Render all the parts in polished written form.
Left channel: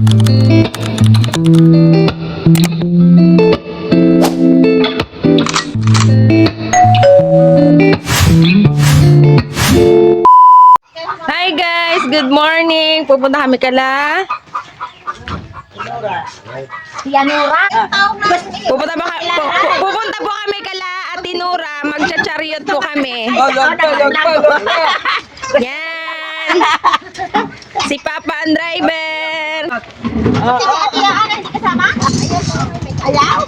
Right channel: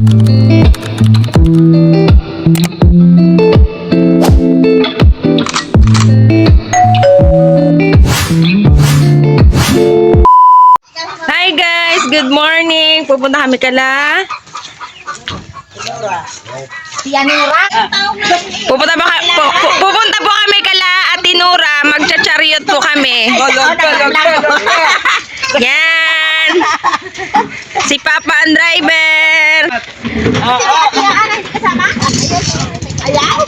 Hi guys, good morning. Pupunta kami kala. Pupunta po kami kala Ate Nora. Magcha-chariot po kami. Yan. Si Papa ang driver.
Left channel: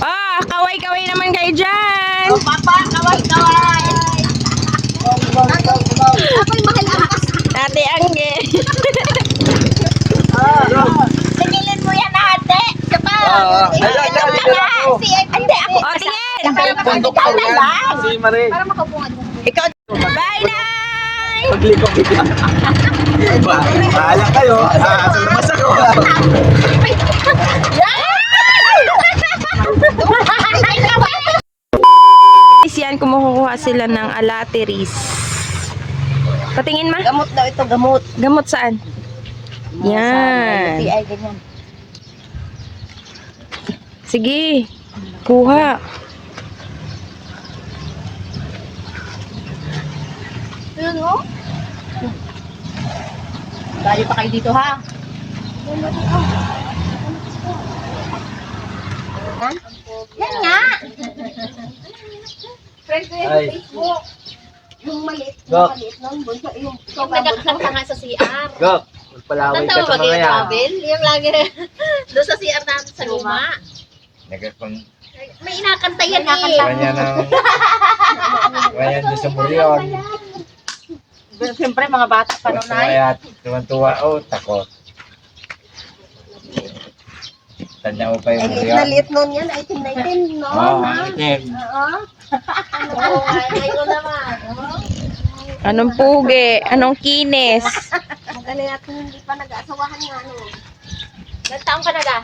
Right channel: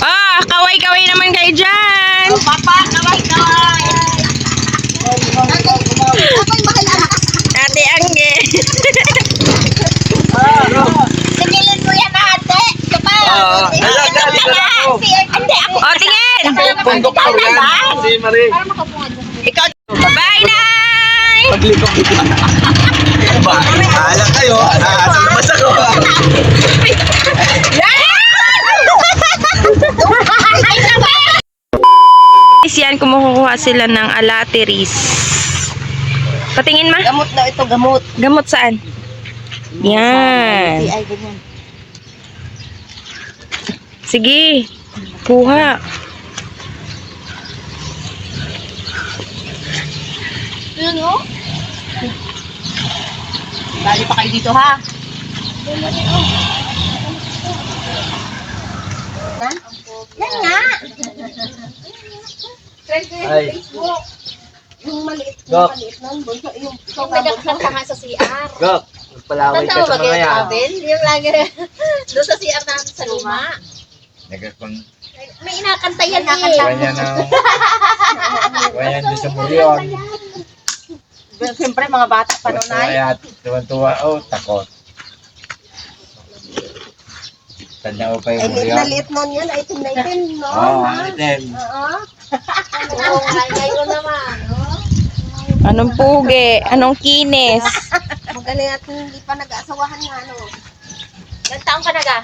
Ah, kaway-kaway naman kayo dyan. Ate Angge. Tingilin mo yan ate. Kapag. O, tingin. Konduktor yan. Si Marie. Ikaw. Bye, Nay. Bahala kayo. Asan naman ako? Yan, kumukuha sila ng alateris. Patingin ma. Gamot daw ito, gamot. Gamot saan? Yan. Ay, ganyan. Sige. Kuha. Yun o. Bali pa kayo dito ha. Yan nga. Ay. Yung maliit, Gok. nun, yung nagkakanta nga sa CR. Gok. Magpalaway ka sa mga yan. Yung lagi doon sa CR namin sa luma. Nagkakang May inakanta yan eh. kanya ng kanya doon sa Burion. Siyempre mga bata pa noon ay. Kaya tuwan-tuwa. Oh, takot. Tanya ko pa yung Burion. Liit nun yan, 1819, no? Oo, ang itim. Oo. Oo, ngayon naman. Anong pugi? Anong kines? Magaling at hindi pa nag-aasawahan nga, ano. Ilang taong ka naga?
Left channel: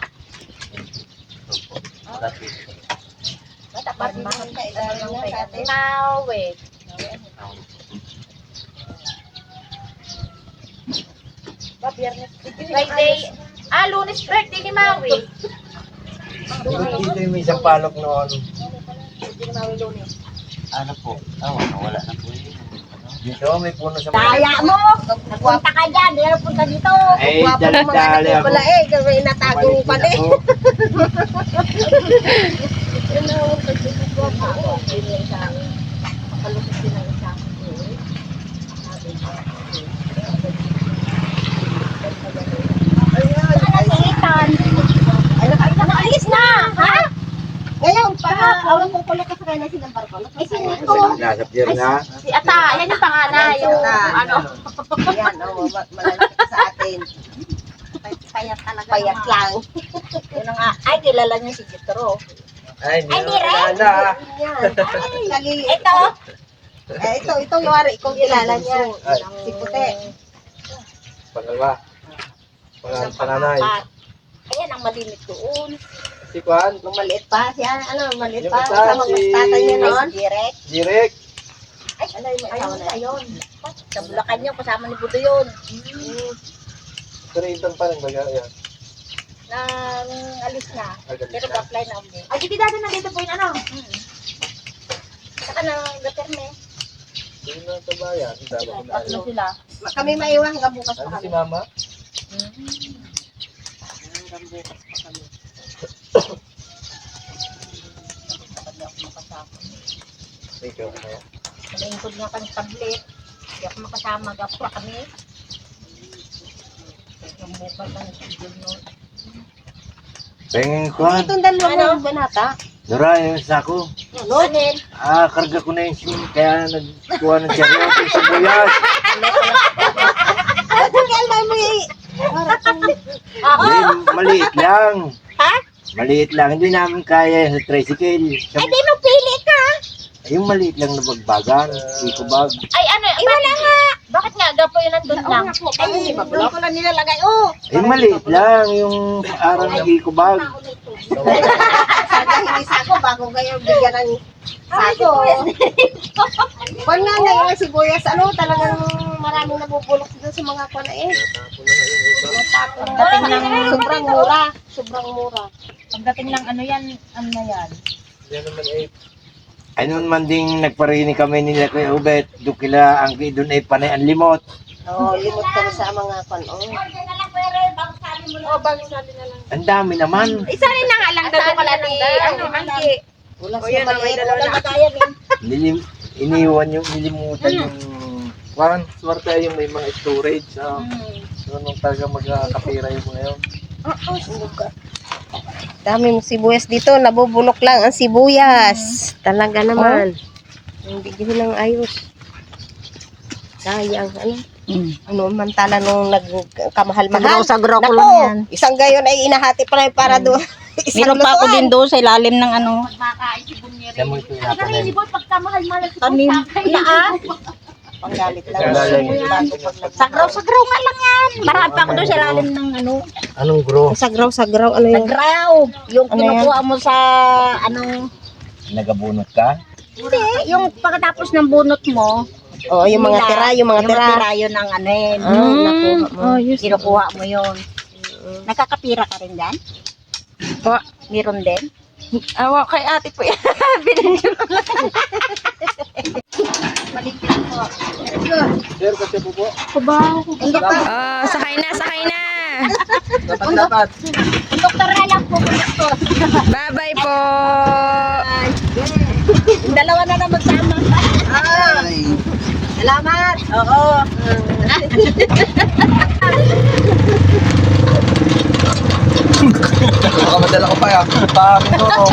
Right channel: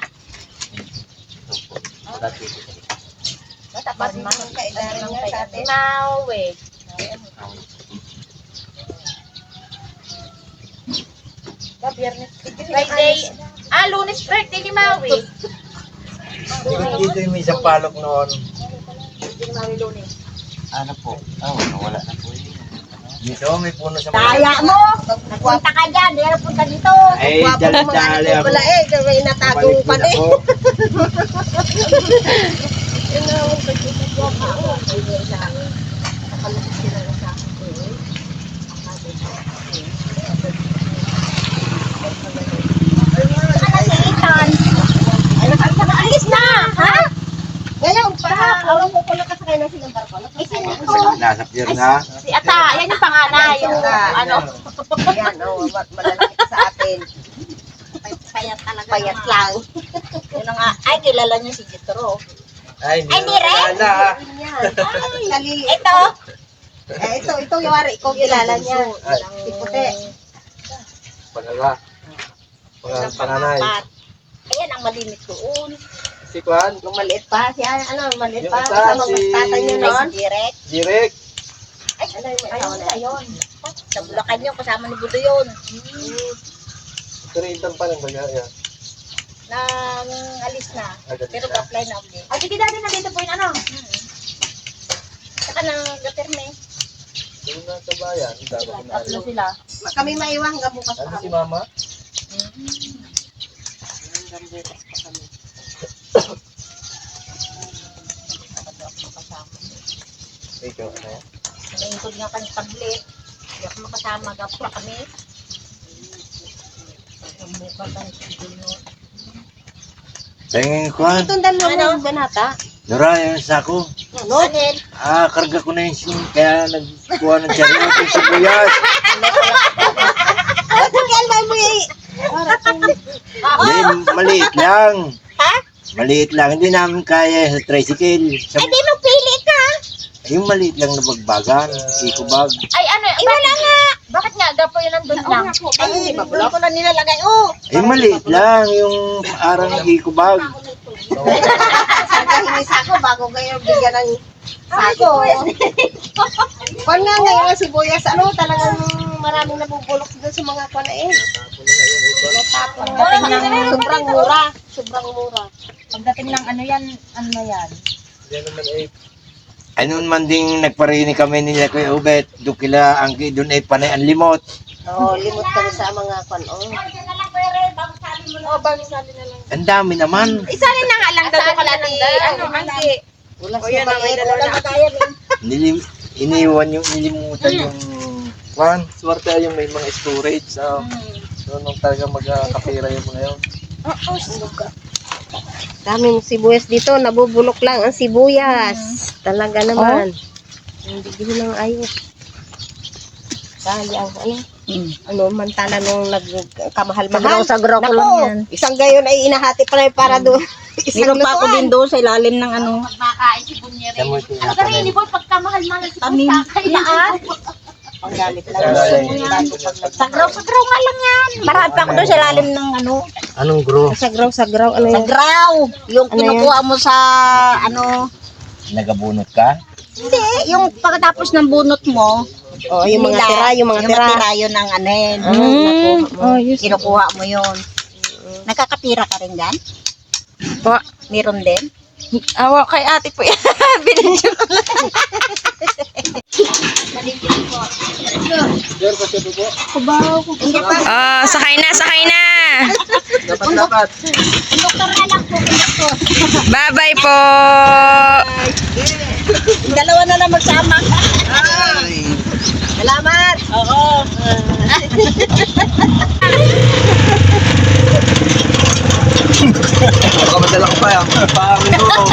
Matapat na. Kailangan kay ate. Mawe. Friday. Lunes birthday ni Maui. Dito yung may isang palok noon. Birthday ni Maui lunes. Ano po? Wala na po. Dito may puno sa Kaya mo! Nagpunta ka dyan, hindi na punta dito. Ay, dali ako. Wala eh, may inatago pa Balik eh. din ako. Yan na, pagkikigwap ako. Hindi isa. Nakalusot sila isa. Saka na si Ethan. Ay, nakaalis na! Ha? Ngayon pa, awang ko pala kasakay na silang barko. Ay, sino ko? Nasa pier na. Si Ata, yan yung panganay. Yung ano. Yan, malalaki sa atin. Payat talaga. Payat lang. Yun nga. Ay, kilala niyo si Jethro. Ay, Ay, ni Ren? na. Ito. Ito yung wari. Ikaw kilala niya. Si Puti. Pangalawa. Panganay. Ayan ang malimit doon. Si Kwan. Nung maliit pa. Si ano, maliit Yung pa. isa, Kasama si- si tatay niya noon. Direk. Ay, ano yung asawa na yun? Sa Bulacan yun, kasama ni Budo yun. Ito rin itang parang baga. Yan. Nang alis na. Agalis Pero na. pa-apply na ulit. Ay, sige dati na dito po yung ano. Saka nang gaterme. Doon na sa bayan. Dapat ko na alam. Sila. Kami maiwan hanggang bukas pa Ano kami. si Mama? Hanggang bukas pa kami. Hindi ako makasama. Ikaw, ano yan? Nalingkod nga kami tablet. Hindi ako makasama. Gapura kami. Hanggang bukas ang schedule nun. Pengin Kwan. Itong dalawa mo banata. Nora, yung sako. Ano? Anil? Karga ko na yung sim. Kaya nagkuha ng chariot yung sibuyas. Ano kaya mo eh? Hindi, maliit lang. Ha? Maliit lang. Hindi namin kaya sa tricycle. Ay, di mo pili ka. Yung maliit lang na bagbagan. Eco bag. Ay, ano? Ay, wala nga. Bakit nga? Gapo yun nandun lang. Ay, hindi ba? Doon ko lang nilalagay. Oh. Yung maliit lang. Yung arang ng eco bag. Sagahinis ako bago kayo bigyan ng sako. Kung nga ngayon ang sibuyas, ano, talagang maraming nabubulok doon sa mga kwan na eh. Sobrang mura. Sobrang mura. Pagdating ng ano yan, ano na yan? Yan naman ay... Ano man ding nagparini kami nila Kuya Ubet, doon kila ang doon ay panay ang limot. Oo, limot kami sa mga kanon. Ang dami naman. Isanin na nga lang daw kalati. Angki. Wala siya maliit. Iniwan yung nilimutan yung kwan. Swerte yung may mga storage. Nung talaga magkakapira yung mga yun. Daming sibuyas dito. Nabubulok lang ang sibuyas. Talaga naman. Hindi ko lang ayos. Sayang. Ano man tala nung nagkamahal-mahal. Sagraw ko lang yan. Isang gayon ay inahati pa lang para doon. Meron pa ako din doon sa ilalim ng ano. Yan mo yung pinakanin. Tanim. Panggalit lang. Sagraw nga lang yan. Marami pa ako doon sa ilalim ng ano. Anong grow? Sagraw. Ano yan? Sagraw. Yung Ano yan? kinukuha mo sa ano. Nagabunot ka? Hindi. Yung pagkatapos ng bunot mo. Oo, yung mga tira. Yung mga tira. yun ang ano yun. Yes. Kinukuha mo yun. Nagkakapira ka rin dyan? Po. Meron din? Awa kay ate po yan. Binidyo ko lang. Sakay na, sakay na. Dapat. Doktor na lang po. Doktor. Bye-bye po. Dalawa na lang magsama. Salamat. Oo. Baka madala ko pa yan. Paamin ko.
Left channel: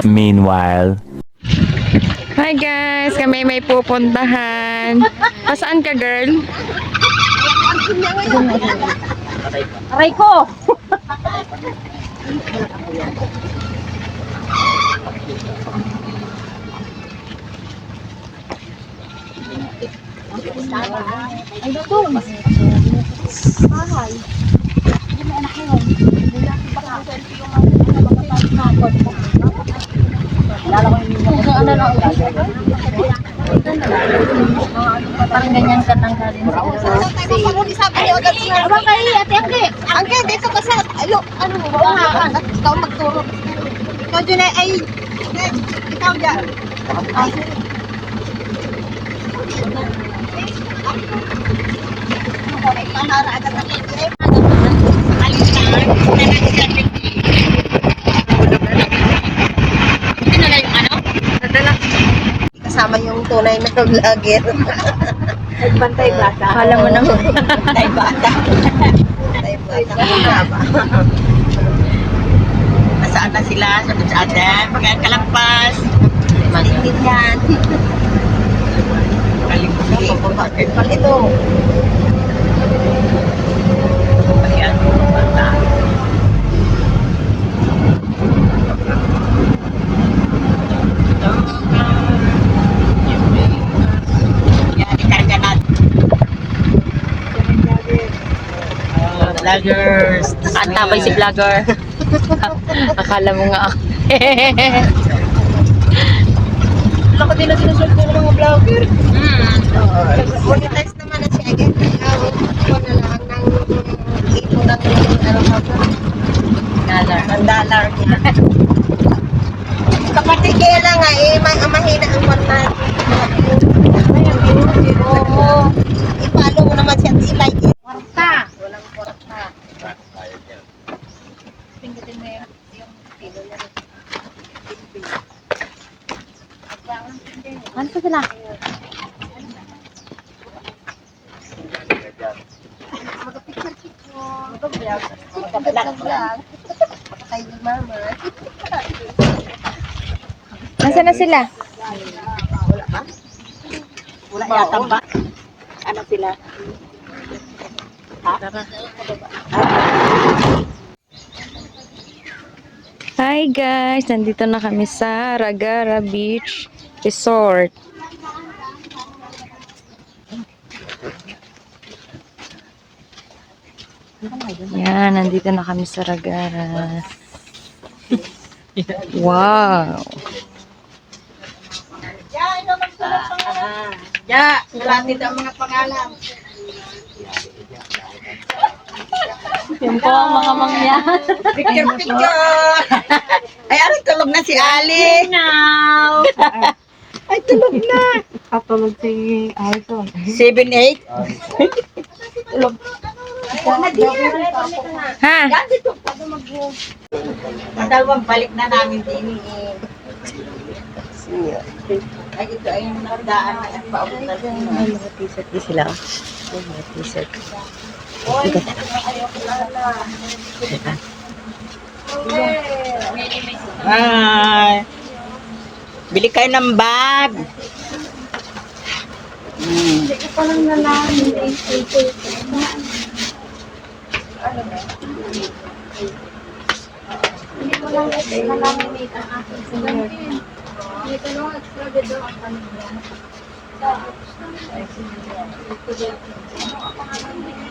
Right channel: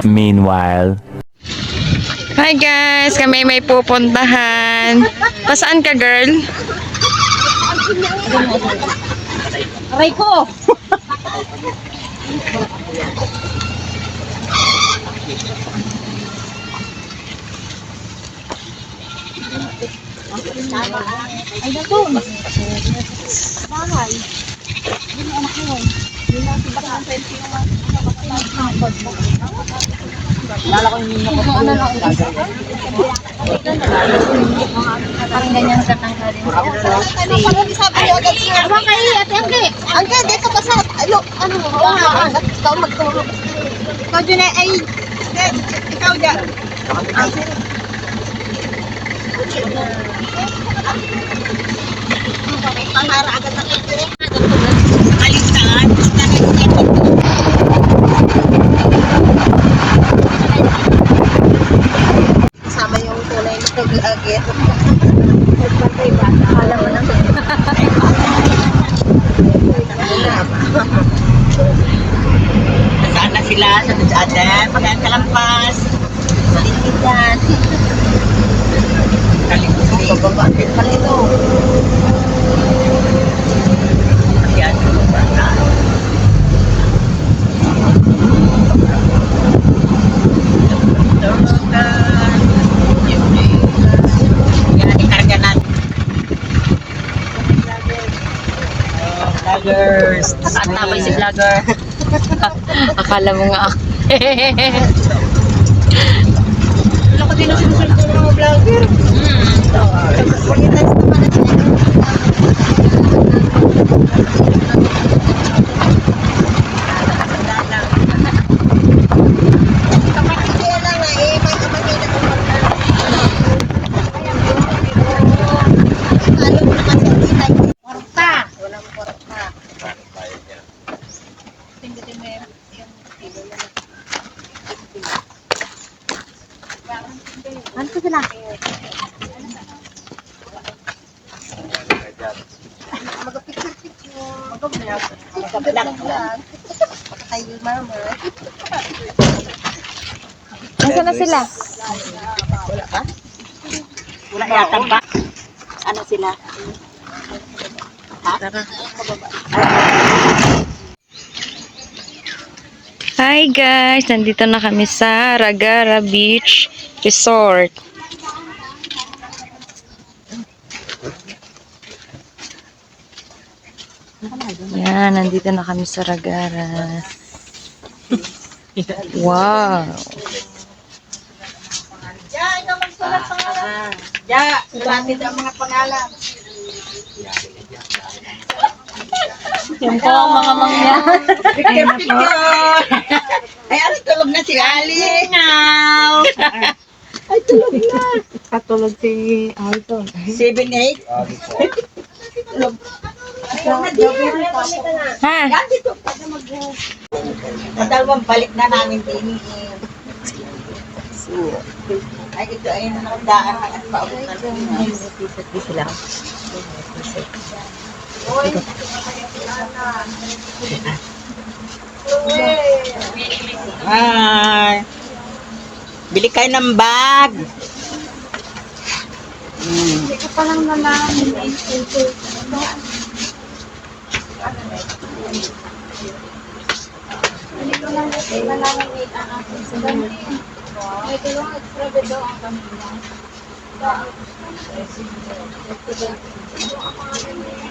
Meanwhile. Hi guys, kami may pupuntahan. Pasaan ka, girl? Aray ko. Angke, dito ka sa... Ayo, ano mo? Ikaw magturo. Ikaw dyan ay... Ikaw dyan. Pahara agad na picture. Kasama yung tunay na vlogger. Nagbantay bata. Akala mo naman. Bantay bata. Nasaan na sila? Sa atin. Pagkakalampas. Malikit yan. Bakit pala ito? Yan. Yan, ikarga natin. Vloggers. Nakaantabay si vlogger. Akala mo nga ako. Wala ko din na sinusunod ko ng mga vlogger. Pag-test naman na sila $1. kapatid kaya lang nga eh, mahina ang mga ipalo mo naman siya itay. Porta. Walang porta. Pindutin mo yung tilo na. Ano pa sila? Mag-vlog. Mag-vlog. Makatay yung mama. Nasaan na sila? Wala yata ba? Ano sila? Hi guys, nandito na kami sa Ragara Beach Resort. Yan, nandito na kami sa Ragara. Wow! Ya, sulat dito ang mga pangalan. Yan po, mga mangya. Picture. Ay, ano, tulog na si Ali. Now. Ay, tulog na. Katulog si Alton. 7-8. Tulog. Ha? Dalawang balik na namin din. Ay, ito ay nakadaan at paabot na rin. Sila. Hi. Bili kayo ng bag.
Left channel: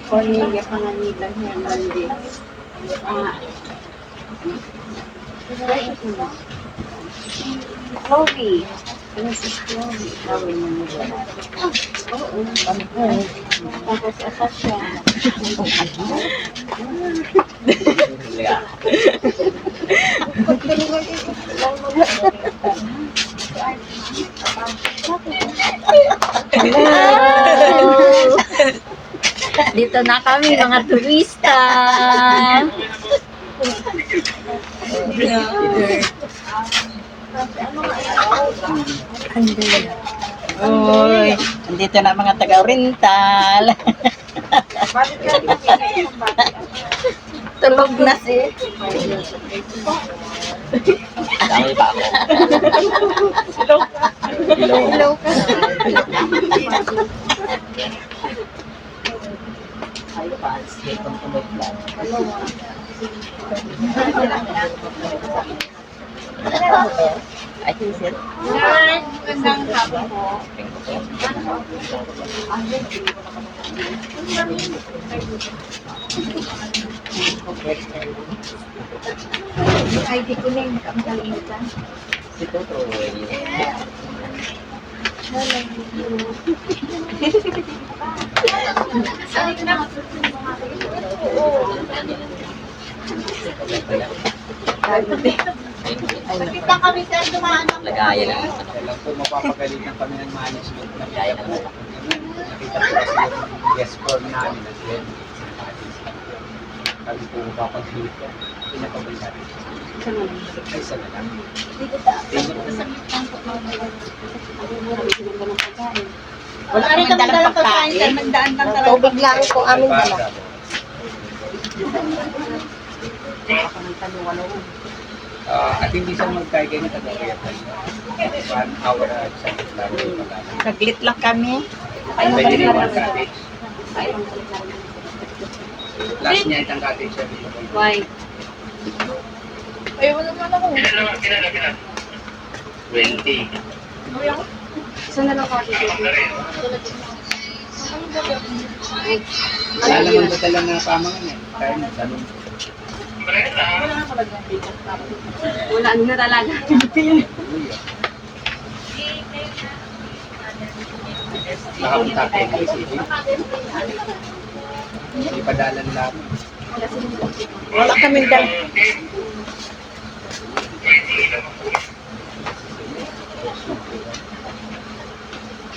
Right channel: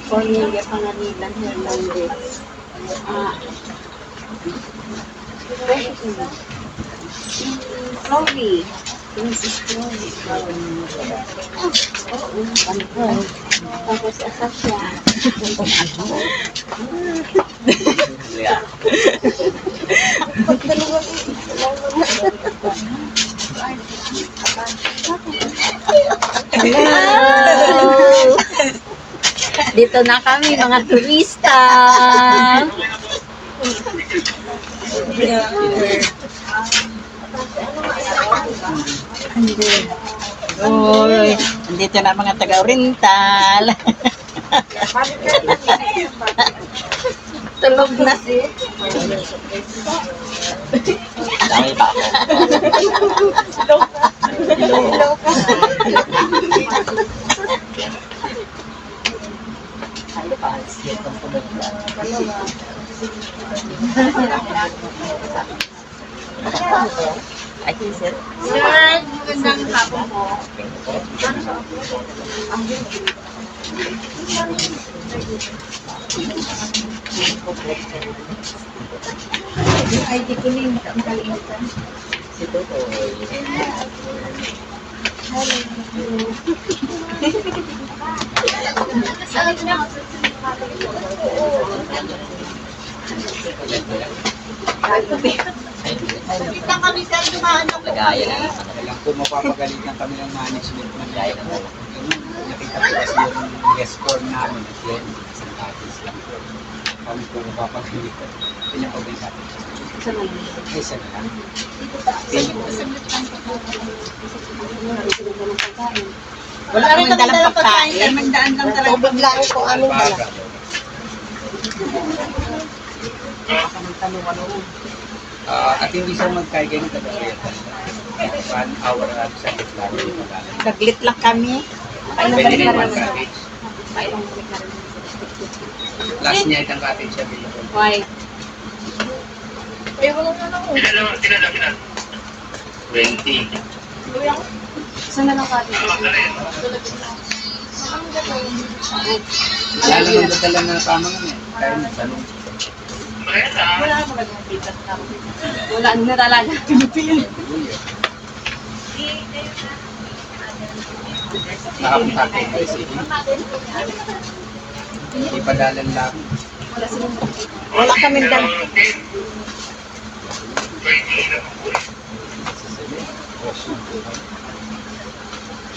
Cornelia Panganilan Hernandez. Chloe. Mrs. Chloe. Oo. Tapos Asasya. Hello! Dito na kami, mga turista. Uy, andito na mga taga-oriental. Tulog na si. Dami ba ako? Hello. Ay, pals. Itong tulog na. Ay, sir. Sir, magandang hapon po. Yung ID ko na yung makalimutan. Si Tutoy. Sakit lang kami sir, dumaan ako. Lagaya lang. Alam ko mapapagalitan kami ng management na gaya ng nakita ko kasi yung guest form namin at yan, isang katis lang po. Kami po mapapagalitan. Pinapagalitan. Ay, isa na lang. Saglit lang po. Wala kaming dalang pagkain. Nagdaan lang talaga. Tubig lang po aming dala. At hindi siya magkaya ganyan taga-oriental. 1 hour at sa lang yung pagkain. Saglit lang kami. Pwede rin one cottage. Last niya itang cottage siya. Why? Ayaw mo naman ako. 20. Saan na lang kati? Wala naman dadalang na pamangan eh. Kaya nang salong. Wala na malagyan dito. Wala na talaga. Nakapunta kayo ng city. Hindi padalan lang. Wala kaming dala.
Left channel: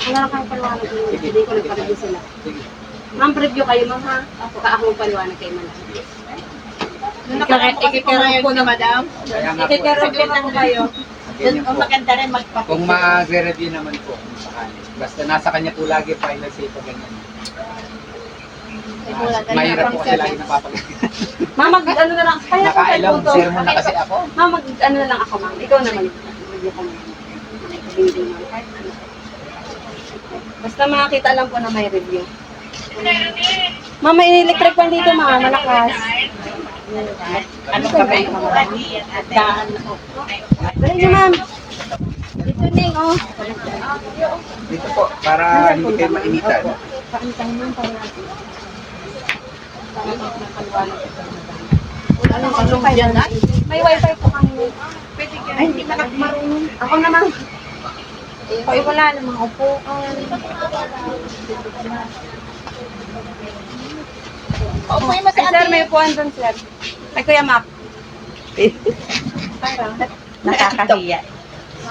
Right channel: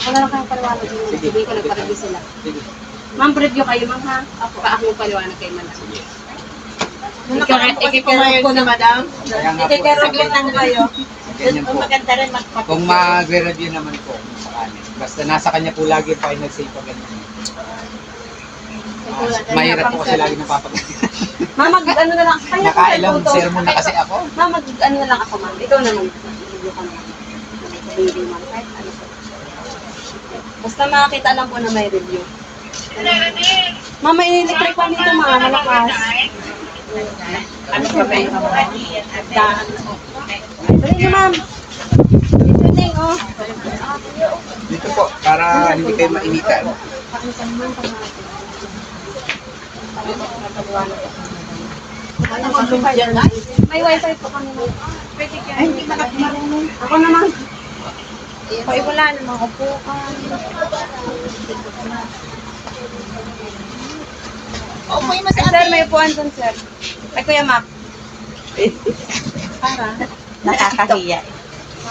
Wala na kang paliwanag yun. Sige. Hindi ko nagpareview sila. Sige. Ma'am, preview kayo, ma'am, ha? Ako magpaliwanag kayo, ma'am. Nakaraan po kasi pumayag si madam. Kaya nga po. Saglit lang kayo. Ganyan po. Maganda rin magpapit. Kung magre-review naman po sa kanya. Basta nasa kanya po lagi final say pag ganyan. Mahirap po kasi lagi napapagalitan. Ma'am, ano na lang. Kaya ko Nakailang kayo, sermon na kasi ako. Ma'am, ano na lang ako, ma'am. Ikaw na mag-review ko naman. Hindi ma'am, kahit ano po. Basta makakita lang po na may review. Ma'am, may electric fan dito ma'am, malakas. Ano ba kayo? Dali niyo ma'am. Dito Neng, oh. Dito po, para hindi kayo mainitan. Paano ka naman para natin? Wala namang room dyan, ay. May wifi po kami. Pwede kayo. Ay, hindi ka marunong. Ako naman. Ay, wala namang upuan. Upuin mo si Ay, sir, ate. may upuan doon, sir. Ay, Kuya Mac. Para. Nakakahiya.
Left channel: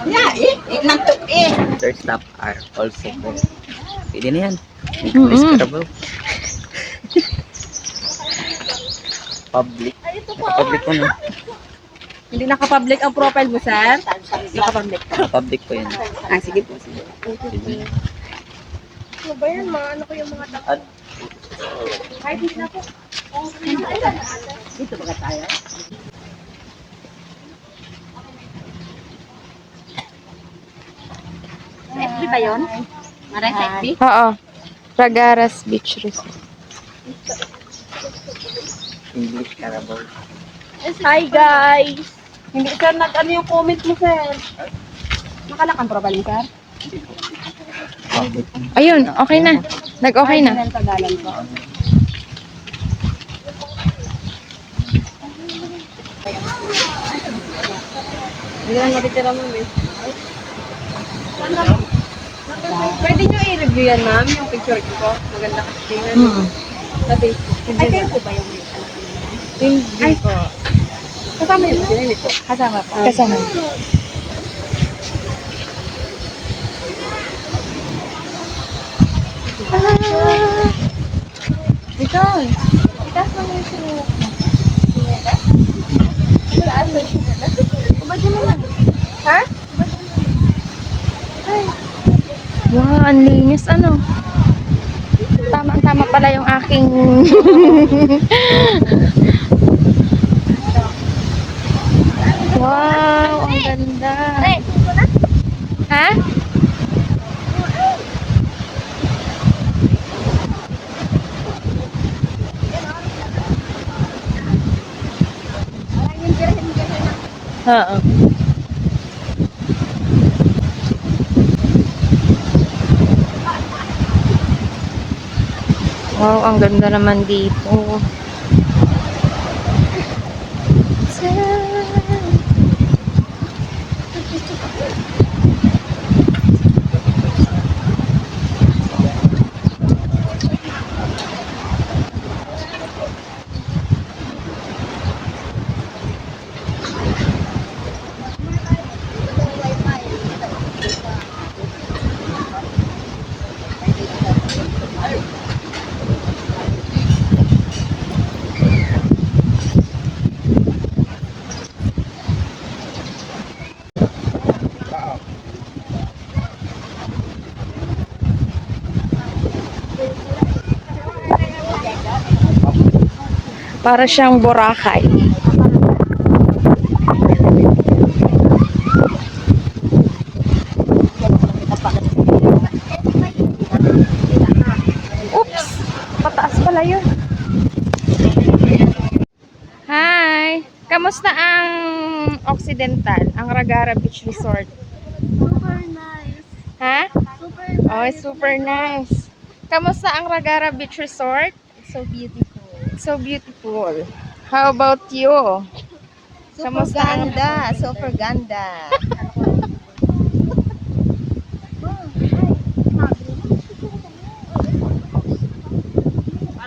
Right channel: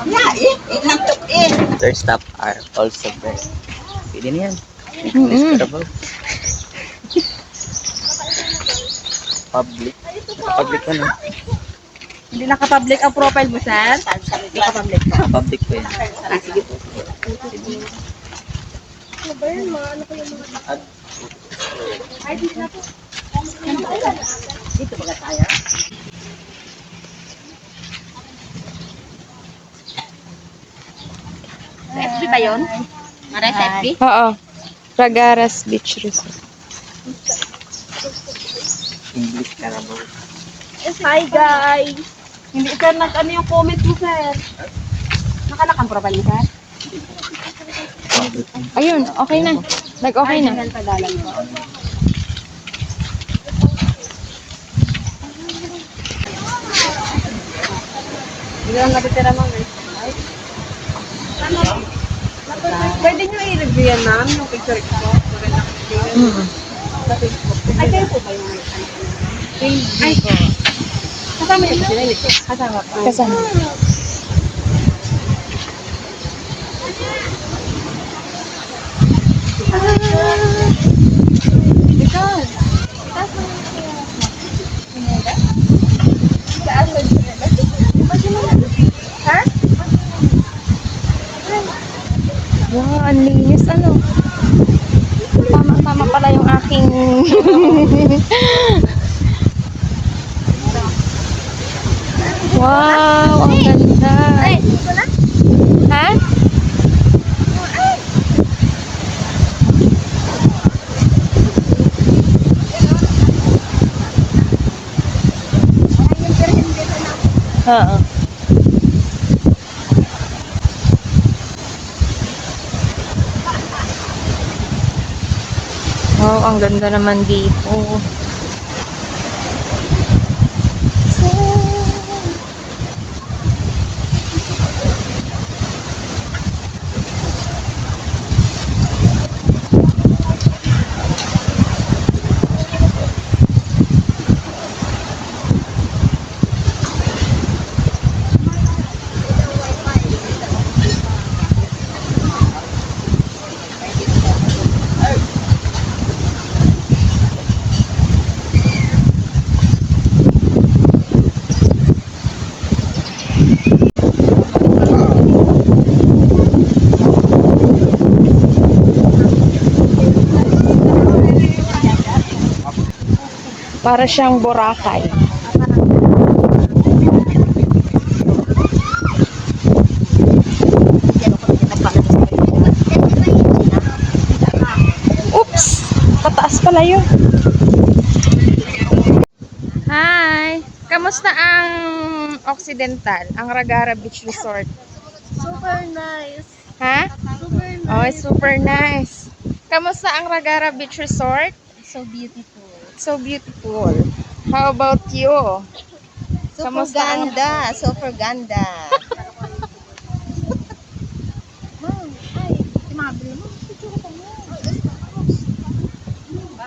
Yeah, nantok eh. Third stop are also there. Pwede na yan. Mm-mm. Public. Public po na. Hindi naka-public ang profile mo, sir? Naka-public. Public po yan. Ah, sige po. Dito ba tayo? FB ba yun? Maray sa FB? Oo. Ragaras Beach Resort. English ka na ba? Hi, guys! Hindi, sir, nag-ano yung comment mo, sir? Nakalak ang profile mo, sir? Public. Ayun, okay na. Nag-okay na. Ay, Tagalan po. Hindi lang natitira, ma'am, eh. Pwede nyo i-review yan, ma'am, yung picture ko. Maganda kasi tingnan. Mm. Sa Facebook. Ay, kayo po ba yung may ano? Hindi ko. Kasama yung pinili ko. Kasama po. Kasama. Ito. Wow, ang linis ano. Tama-tama pala yung aking wow, ang ganda. Ha? Oo. Wow, ang ganda naman dito. Para siyang Boracay. Oops! Pataas pala yun. Hi! Kamusta ang Occidental? Ang Ragara Beach Resort? Super nice. Ha? Super Oh, super nice. Kamusta ang Ragara Beach Resort? So beautiful. So beautiful. How about you? Super Kamusta ang- ganda. Super ganda.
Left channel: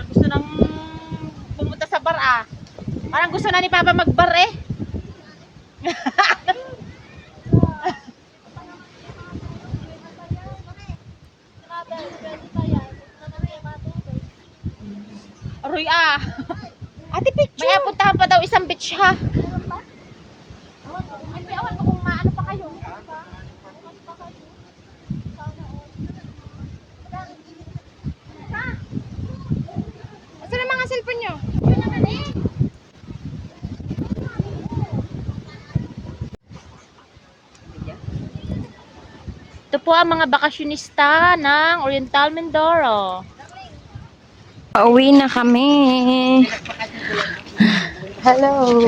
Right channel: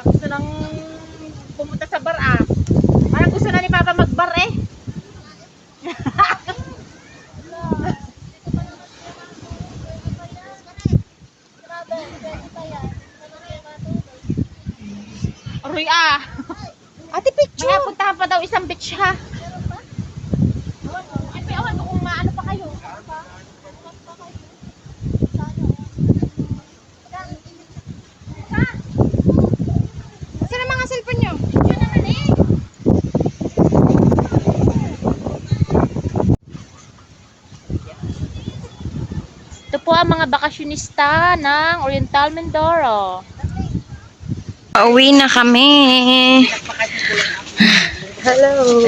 Gusto nang pumunta sa bar, ah. Parang gusto na ni Papa mag-bar, eh. Aroy, ah. Ate picture. May puntahan pa daw isang beach, ha? Ay, may awan ko kung maano pa kayo. Saan ang mga cellphone nyo? po ang mga bakasyonista ng Oriental Mindoro. Pauwi na kami. Hello.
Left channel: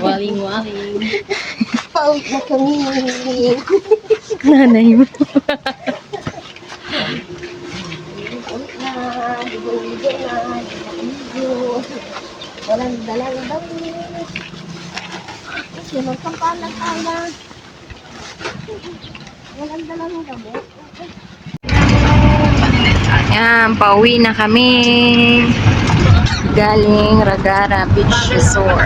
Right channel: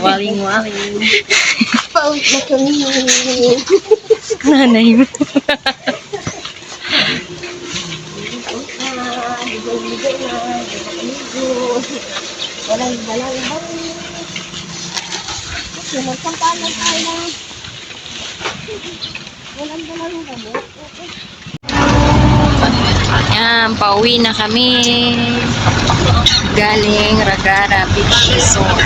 Waling-waling. Pauwi na kami. Nanay mo. Ligo-ligo na. Ligo. Walang dalang bangis. Kasi magkampalan tayo na. Walang dalang gamot. Yan, pauwi na kami. Galing Ragara Beach Resort.